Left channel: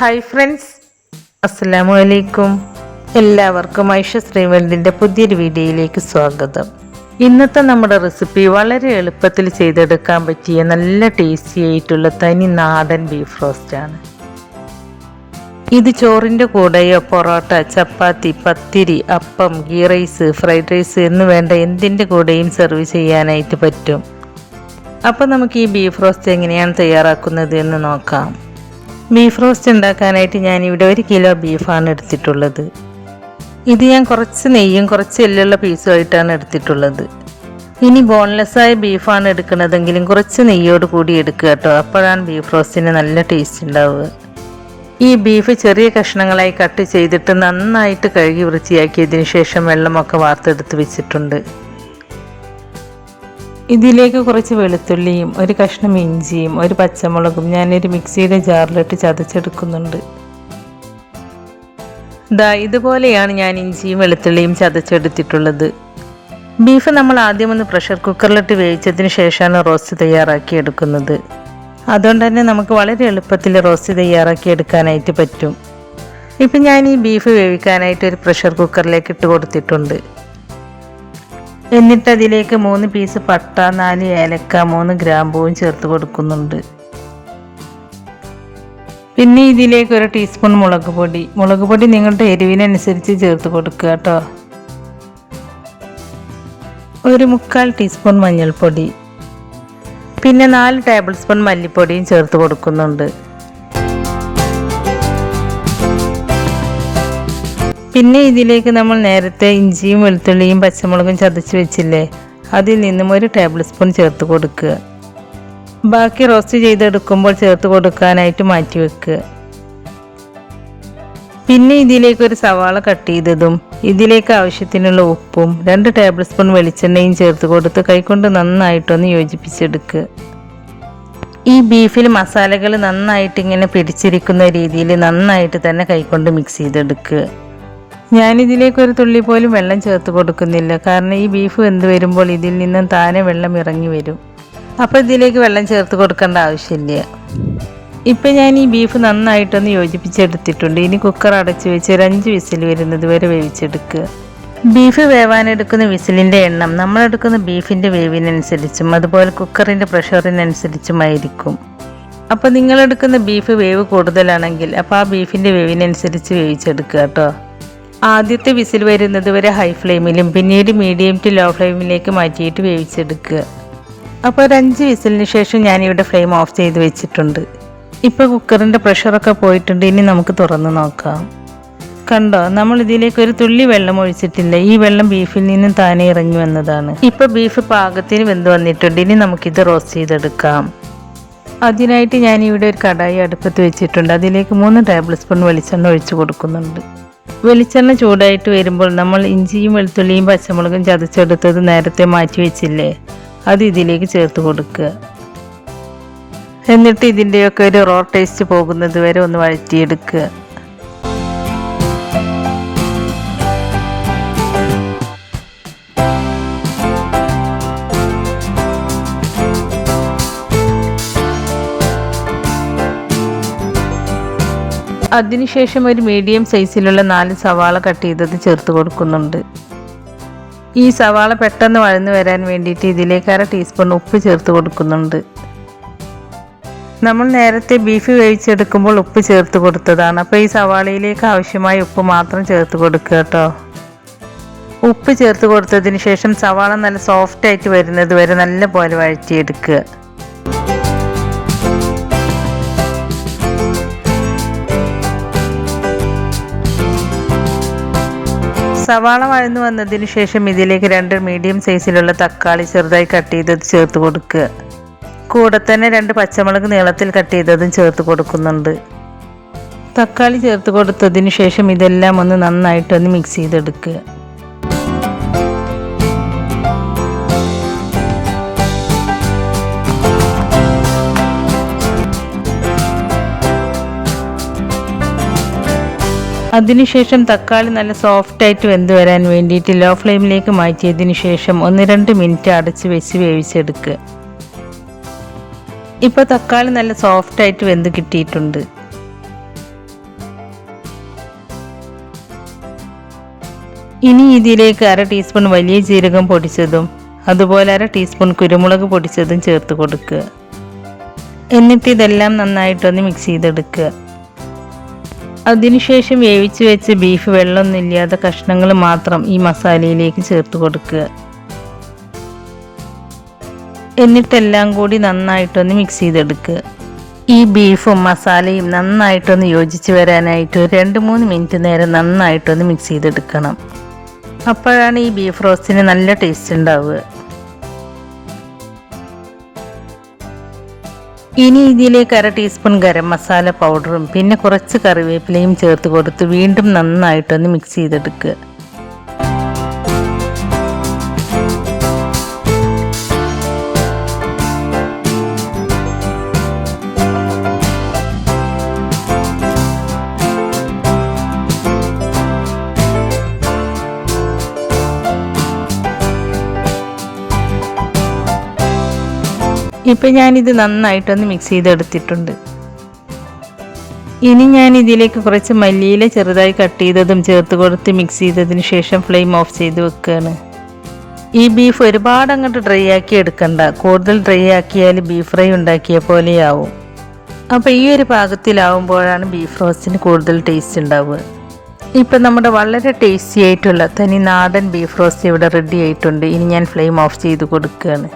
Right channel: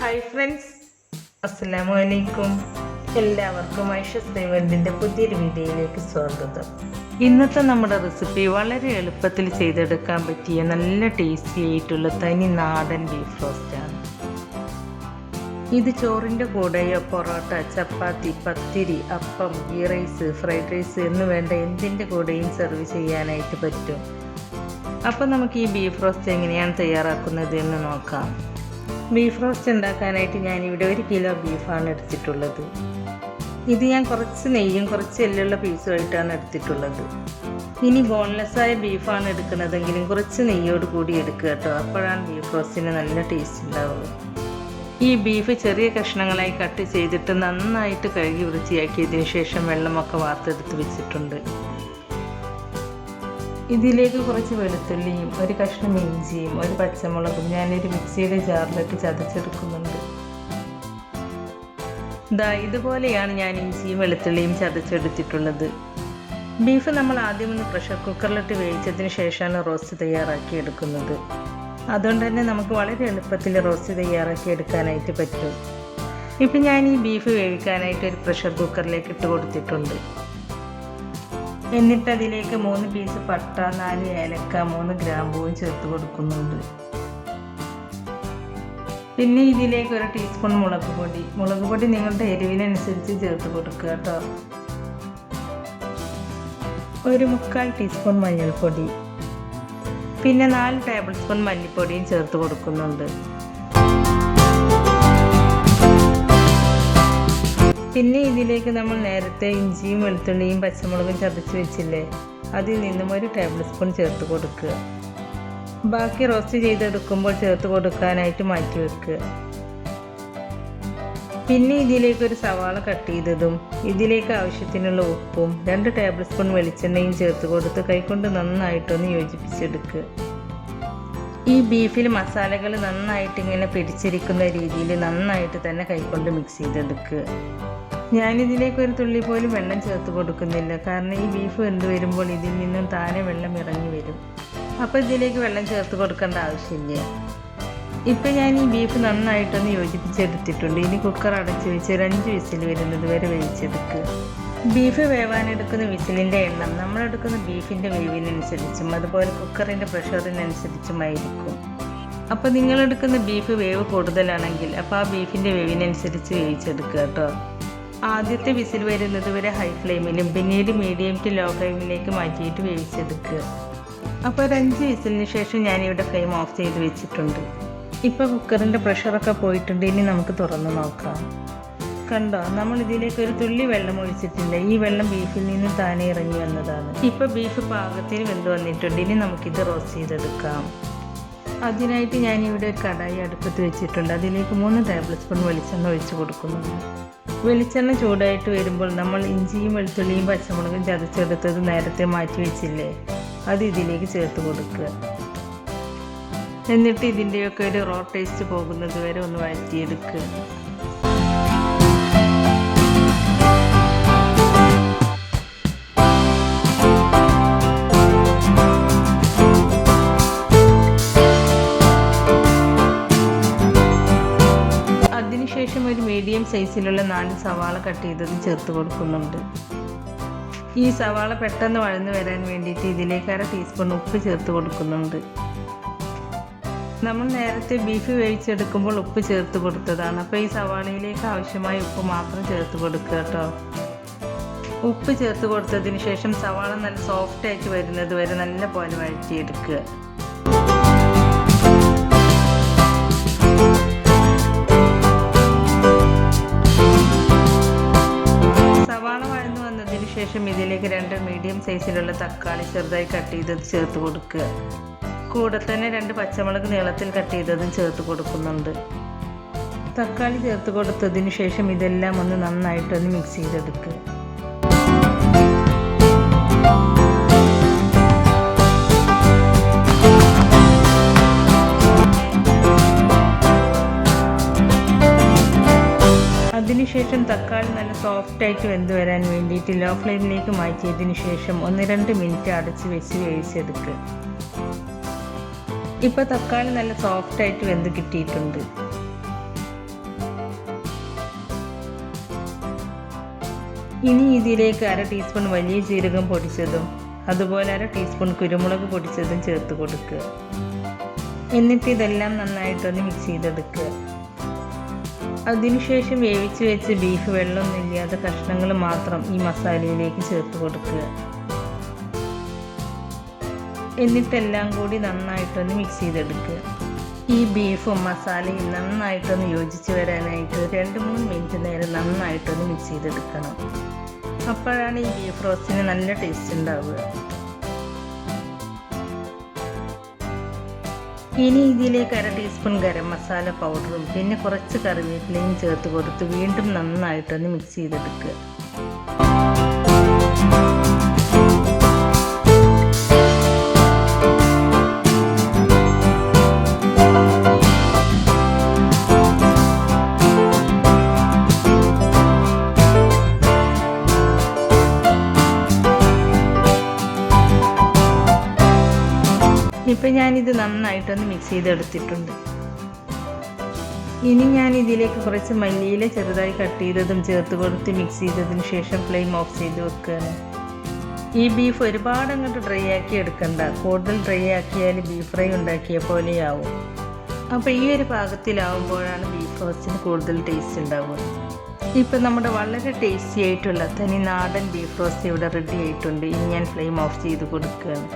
Hi friends, അസ്സലാമു അലൈക്കും. എല്ലാവർക്കും ഐഷ ശ്രീവൽഡിൻ്റെ പുതിയൊരു വീഡിയോയിലേക്ക് സ്വാഗതം. ഇന്നത്തെ നമ്മുടെ റെസിപ്പി വളരെ എളുപ്പത്തിൽ ചെയ്തെടുക്കാൻ പറ്റിയ നല്ല ടേസ്റ്റി ആയിട്ടുള്ള തനി നാടൻ ബീഫ് റോസ്റ്റാണ്. ഇത് ചോറിൻ്റെ കൂടെയോ പൊറോട്ട, ചപ്പാത്തി, പത്തിരി, അപ്പം, ഗീ റൈസ്, ഫ്രൈഡ് റൈസ് എന്ന് വേണ്ട എന്തിൻ്റെ കൂടെയും സെർവ് ചെയ്യാനായിട്ട് പറ്റും. അപ്പോൾ നമുക്ക് ഈ ബീഫ് റോസ്റ്റ് എങ്ങനെയാണ് തയ്യാറാക്കുന്നത് എന്ന് നോക്കാം. ബീഫ് റോസ്റ്റ് ഉണ്ടാക്കാനായിട്ട് ഞാനിവിടെ 1 കിലോ ബീഫാണ് എടുത്തിട്ടുള്ളത്. ഇത് ഞാൻ കുറച്ച് നെയ്യും കുറച്ച് എല്ലുള്ള പീസുമായിട്ടാണ് എടുത്തിട്ടുള്ളത്. ഇനി ബോൺലെസ്സായ ബീഫാണ് എടുക്കുന്നതെങ്കിലും കുറച്ച് നെയ്യോട് കൂടി എടുക്കുക കേട്ടോ. അപ്പോഴാണ് ബീഫ് റോസ്റ്റിന് നല്ല ടേസ്റ്റ് ഉണ്ടാവുക. ഈ ബീഫ് ചെറിയ കഷ്ണങ്ങളായി കട്ട് ചെയ്തിട്ട് നന്നായിട്ട് കഴുകി വൃത്തിയാക്കിയതിന് ശേഷം വെള്ളമൊക്കെ വാർത്തെടുത്ത് വെച്ചിട്ടുണ്ട്. ഇതിലേക്ക് കുറച്ച് വെളുത്തുള്ളിയും 1 കഷ്ണം ഇഞ്ചിയും 1 പച്ചമുളകും ഞാനൊരു മിക്സിയുടെ ജാറിലിട്ട് ചതച്ചെടുക്കുന്നുണ്ട്. ഇതുപോലെയാണ് ഞാൻ ഇഞ്ചിയും വെളുത്തുള്ളിയും ചതച്ചെടുത്തിട്ടുള്ളത്. ബീഫ് നമ്മൾ ആദ്യം ഒന്ന് പ്രഷർ കുക്കറിലിട്ട് വേവിച്ചതിന് ശേഷമാണ് റോസ്റ്റ് തയ്യാറാക്കി എടുക്കുന്നത്. അതുകൊണ്ട് തന്നെ നമുക്ക് വളരെ എളുപ്പത്തിൽ റോസ്റ്റ് തയ്യാറാക്കി എടുക്കാനായിട്ട് പറ്റും. ഇപ്പം ഞാൻ ഈ ബീഫ് വേവിക്കാനായിട്ട് ഒരു പ്രഷർ കുക്കറിലേക്ക് ഇട്ട് കൊടുത്തിട്ടുണ്ട്. എന്നിട്ട് അതിലേക്ക് 3 പീസ് പട്ട, 4 ഏലക്ക, 3 ഗ്രാമ്പൂവും ചേർത്ത് കൊടുക്കുന്നുണ്ട്. പിന്നെ ഇതിലേക്ക് 1 ടീസ്പൂൺ മുളക് പൊടി നിങ്ങളുടെ എരിവിനനുസരിച്ച് ചേർത്ത് കൊടുക്കുക കേട്ടോ. 1/4 ടീസ്പൂൺ മഞ്ഞൾപ്പൊടി, പിന്നെ 4 ടേബിൾ സ്പൂൺ മല്ലിപ്പൊടിയും ചേർത്ത് കൊടുക്കുന്നുണ്ട്. പിന്നെ ഇതിലേക്ക് നമ്മൾ നേരത്തെ ഇഞ്ചിയും വെളുത്തുള്ളിയും പച്ചമുളകും ചതച്ച് വെച്ചില്ലേ, അതിൽ നിന്നും 1 ടേബിൾ സ്പൂൺ ചേർത്ത് കൊടുക്കുക. ബാക്കി റോസ്റ്റ് ചെയ്തെടുക്കുമ്പോൾ ചേർത്ത് കൊടുക്കാനായിട്ട് മാറ്റി വെക്കുക. പിന്നെ ഇതിലേക്ക് 1 സവാള കട്ട് ചെയ്തതും ഇതിലേക്ക് ആവശ്യത്തിനുള്ള ഉപ്പും 2 ടേബിൾ സ്പൂൺ വെളിച്ചെണ്ണയും ചേർത്ത് കൊടുത്ത് കൈകൊണ്ട് നന്നായിട്ടൊന്ന് യോജിപ്പിച്ചെടുക്കുക. ഈ ബീഫിൽ മസാലകൾ നന്നായിട്ട് ഇങ്ങനെ പിടിച്ചിരിക്കുന്ന രീതിയിൽ നന്നായിട്ട് തന്നെ കൈകൊണ്ട് മിക്സ് ചെയ്തെടുക്കുക. ഞാനിതിലേക്ക് 1 തുള്ളി പോലും വെള്ളം ചേർത്ത് കൊടുക്കുന്നില്ല, കാരണം ഈ ബീഫ് വെന്ത് വരുമ്പോൾ ഇതിൽ നിന്നും താനെ വെള്ളം ഇറങ്ങി വരും. അപ്പോൾ ഇതിലേക്ക് വെള്ളം ചേർത്ത് കൊടുക്കേണ്ട ആവശ്യമില്ല. ഇപ്പം ഞാൻ ഈ ബീഫ് നന്നായിട്ടൊന്ന് യോജിപ്പിച്ചെടുത്തിട്ടുണ്ട്. ഇനി കുക്കർ അടച്ച് വെച്ച് 5 വിസിൽ വരുന്നത് വരെ വേവിച്ചെടുക്കുക. ബീഫ് വേവാനെടുക്കുന്ന വിസിലിൻ്റെ എണ്ണം നമ്മളെടുക്കുന്ന ബീഫിൻ്റെ വേവിനനുസരിച്ചും അതുപോലെ കുക്കറിൻ്റെ പ്രഷറിനനുസരിച്ചുമായിരിക്കും. അപ്പോൾ നിങ്ങളെടുക്കുന്ന ബീഫ് വേവ് കൂടുതലാണെങ്കിൽ അപ്പോൾ ആ ബീഫിൻ്റെ വേവിനനുസരിച്ച് വേവിച്ചെടുക്കുക കേട്ടോ. ആദ്യത്തെ വിസിൽ വരുന്നത് വരെ ഹൈ ഫ്ലെയിമിലും പിന്നീട് മീഡിയം ടു ലോ ഫ്ലെയിമിലേക്ക് മാറ്റിയിട്ട് വേവിച്ചെടുക്കുക. അപ്പോൾ 5 വിസിലിന് ശേഷം ഞാനിവിടെ ഫ്ലെയിം ഓഫ് ചെയ്ത് വെച്ചിട്ടുണ്ട്. ഇപ്പോൾ കുക്കറിൻ്റെ പ്രഷറൊക്കെ പോയിട്ടുണ്ട്. ഇനി നമുക്ക് തുറന്ന് നോക്കാം. കണ്ടോ, നമ്മൾ ഇതിലേക്ക് 1 തുള്ളി വെള്ളം ഒഴിച്ചിട്ടില്ല. ഈ വെള്ളം ബീഫിൽ നിന്നും താനെ ഇറങ്ങി വന്നതാണ്. ഇപ്പോൾ ബീഫ് പാകത്തിന് വെന്ത് വന്നിട്ടുണ്ട്. ഇനി നമുക്കിത് റോസ്റ്റ് ചെയ്തെടുക്കാം. അതിനായിട്ട് ഞാനിവിടെ ഒരു കടായി അടുപ്പത്ത് വെച്ചിട്ടുണ്ട്. അതിലേക്ക് 3 ടേബിൾ സ്പൂൺ വെളിച്ചെണ്ണ ഒഴിച്ച് കൊടുക്കുന്നുണ്ട്. വെളിച്ചെണ്ണ ചൂടായിട്ട് വരുമ്പോൾ നമ്മൾ ഇഞ്ചിയും വെളുത്തുള്ളിയും പച്ചമുളകും ചതച്ചെടുത്തത് നേരത്തെ മാറ്റി വെച്ചില്ലേ, അത് ഇതിലേക്ക് ചേർത്ത് കൊടുക്കുക. എന്നിട്ട് ഇതിൻ്റെയൊക്കെ ഒരു റോ ടേസ്റ്റ് പോകുന്നത് വരെ ഒന്ന് വഴറ്റിയെടുക്കുക. അതിനുശേഷം ഒരു മീഡിയം സൈസിലുള്ള 4 സവാള കട്ട് ചെയ്തത് ചേർത്ത് കൊടുക്കുന്നുണ്ട്. ഈ സവാള പെട്ടെന്ന് വഴന്നു വരാൻ വേണ്ടിയിട്ട് ഇതിലേക്ക് 1/2 ടീസ്പൂൺ ഉപ്പ് ചേർത്ത് കൊടുക്കുന്നുണ്ട്. നമ്മൾ നേരത്തെ ബീഫ് വേവിച്ചെടുക്കുമ്പോൾ ഉപ്പ് ചേർത്ത് കൊടുത്തതാണ്. അപ്പോൾ ഈ സവാളയിലേക്ക് ആവശ്യമായ ഉപ്പ് മാത്രം ചേർത്ത് കൊടുക്കുക കേട്ടോ. ഉപ്പ് ചേർത്ത് കൊടുത്തതിന് ശേഷം സവാള നല്ല സോഫ്റ്റായിട്ട് വരുന്നത് വരെ നല്ല പോലെ വഴറ്റിയെടുക്കുക. സവാള വഴന്നു വന്നതിന് ശേഷം ഇതിലേക്ക് 2 മീഡിയം സൈസിലുള്ള തക്കാളി ചെറുതായി കട്ട് ചെയ്തത് ചേർത്ത് കൊടുക്കുക. കൂടെ തന്നെ 2 പച്ചമുളക് നീളത്തിൽ കട്ട് ചെയ്തതും ചേർത്ത് കൊടുക്കുന്നുണ്ട്. തക്കാളി ചേർത്ത് കൊടുത്തതിന് ശേഷം ഇതെല്ലാം ഒന്ന് നന്നായിട്ടൊന്ന് മിക്സ് ചെയ്തെടുക്കുക. അതിനുശേഷം തക്കാളി നല്ല സോഫ്റ്റായിട്ട് വെന്ത് വരാൻ വേണ്ടിയിട്ട് ലോ ഫ്ലെയിമിലേക്ക് മാറ്റിയതിന് ശേഷം 1-2 മിനിറ്റ് അടച്ച് വെച്ച് വേവിച്ചെടുക്കുക. ഇപ്പോൾ തക്കാളി നല്ല സോഫ്റ്റായിട്ട് വെന്ത് കിട്ടിയിട്ടുണ്ട്. ഇനി ഇതിലേക്ക് 1/2 ടീസ്പൂൺ വലിയ ജീരകം പൊടിച്ചതും അതുപോലെ 1/2 ടീസ്പൂൺ കുരുമുളക് പൊടിച്ചതും ചേർത്ത് കൊടുക്കുക. എന്നിട്ട് ഇതെല്ലാം നന്നായിട്ടൊന്ന് മിക്സ് ചെയ്തെടുക്കുക. അതിനുശേഷം വേവിച്ച് വെച്ച് ബീഫ് വെള്ളമൊന്നുമില്ലാത്ത കഷ്ണങ്ങൾ മാത്രം ഈ മസാലയിലേക്ക് ചേർത്ത് കൊടുക്കുക. എന്നിട്ടെല്ലാം കൂടി നന്നായിട്ടൊന്ന് മിക്സ് ചെയ്തെടുക്കുക. ഈ ബീഫും മസാലയും നന്നായിട്ടൊന്ന് യോജിച്ച് വരാനായിട്ട് 2-3 മിനിറ്റ് നേരം നന്നായിട്ടൊന്ന് മിക്സ് ചെയ്തെടുക്കണം. അപ്പോഴാണ് ഈ ബീഫ് റോസ്റ്റിന് നല്ല ടേസ്റ്റ് ഉണ്ടാവുക. ഇനി ഇതിലേക്ക് 1/2 ടീസ്പൂൺ ഗരം മസാല പൗഡറും പിന്നെ കുറച്ച് കറിവേപ്പിലയും ചേർത്ത് കൊടുത്ത് വീണ്ടും നന്നായിട്ടൊന്ന് മിക്സ് ചെയ്തെടുക്കുക. ഇപ്പം ഞാനിത് നന്നായിട്ടൊന്ന് മിക്സ് ചെയ്തെടുത്തിട്ടുണ്ട്. ഇനി ഞാൻ ഇതിലേക്ക് കുറച്ച് മല്ലിയില ചെറുതായി കട്ട് ചെയ്തതും ചേർത്ത് കൊടുത്ത് മിക്സ് ചെയ്തതിന് ശേഷം ഫ്ലെയിം ഓഫ് ചെയ്ത് വെക്കുകയാണ്. ഈ ബീഫ് ഒരുപാട് അങ്ങോട്ട് ഡ്രൈ ആക്കി എടുക്കണ്ട. കൂടുതൽ ഡ്രൈ ആക്കിയാൽ ബീഫ് ഫ്രൈ ഉണ്ടാക്കിയ പോലെയാവും. അപ്പോൾ ഈ ഒരു പാകത്തിലാവുമ്പോഴാണ് ബീഫ് റോസ്റ്റിന് കൂടുതൽ ടേസ്റ്റ് ഉണ്ടാവുക. ഇപ്പം നമ്മുടെ വളരെ ടേസ്റ്റി ആയിട്ടുള്ള തനി നാടൻ ബീഫ് റോസ്റ്റ് ഇവിടെ റെഡി ആയിട്ടുണ്ട്. ഇനി ഞാൻ ഫ്ലെയിം ഓഫ് ചെയ്ത് കൊടുക്കുകയാണ്.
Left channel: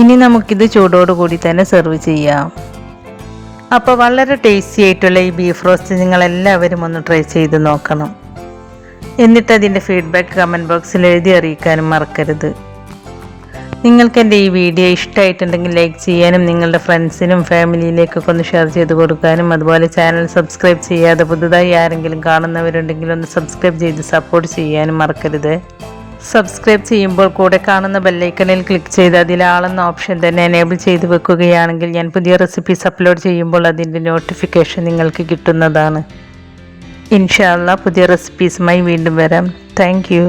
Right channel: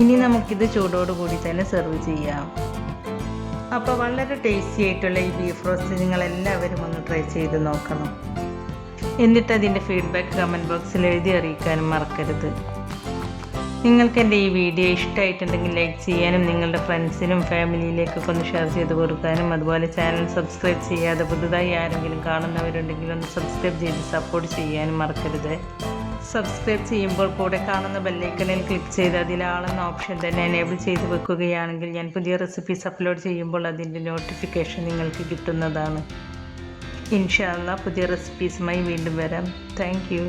ഇനി നമുക്കിത് ചൂടോടുകൂടി തന്നെ സെർവ് ചെയ്യാം. അപ്പോൾ വളരെ ടേസ്റ്റി ആയിട്ടുള്ള ഈ ബീഫ് റോസ്റ്റ് നിങ്ങളെല്ലാവരും ഒന്ന് ട്രൈ ചെയ്ത് നോക്കണം. എന്നിട്ട് അതിൻ്റെ ഫീഡ്ബാക്ക് കമൻറ്റ് ബോക്സിൽ എഴുതി അറിയിക്കാനും മറക്കരുത്. നിങ്ങൾക്ക് എൻ്റെ ഈ വീഡിയോ ഇഷ്ടമായിട്ടുണ്ടെങ്കിൽ ലൈക്ക് ചെയ്യാനും നിങ്ങളുടെ ഫ്രണ്ട്സിനും ഫാമിലിയിലേക്കൊക്കെ ഒന്ന് ഷെയർ ചെയ്ത് കൊടുക്കാനും അതുപോലെ ചാനൽ സബ്സ്ക്രൈബ് ചെയ്യാതെ പുതുതായി ആരെങ്കിലും കാണുന്നവരുണ്ടെങ്കിൽ ഒന്ന് സബ്സ്ക്രൈബ് ചെയ്ത് സപ്പോർട്ട് ചെയ്യാനും മറക്കരുത്. സബ്സ്ക്രൈബ് ചെയ്യുമ്പോൾ കൂടെ കാണുന്ന ബെല്ലൈക്കണിൽ ക്ലിക്ക് ചെയ്ത് അതിലാളെന്ന ഓപ്ഷൻ തന്നെ എനേബിൾ ചെയ്ത് വെക്കുകയാണെങ്കിൽ ഞാൻ പുതിയ റെസിപ്പീസ് അപ്ലോഡ് ചെയ്യുമ്പോൾ അതിൻ്റെ നോട്ടിഫിക്കേഷൻ നിങ്ങൾക്ക് കിട്ടുന്നതാണ്. ഇൻഷാ അല്ലാഹ് പുതിയ റെസിപ്പീസുമായി വീണ്ടും വരാം. Thank you.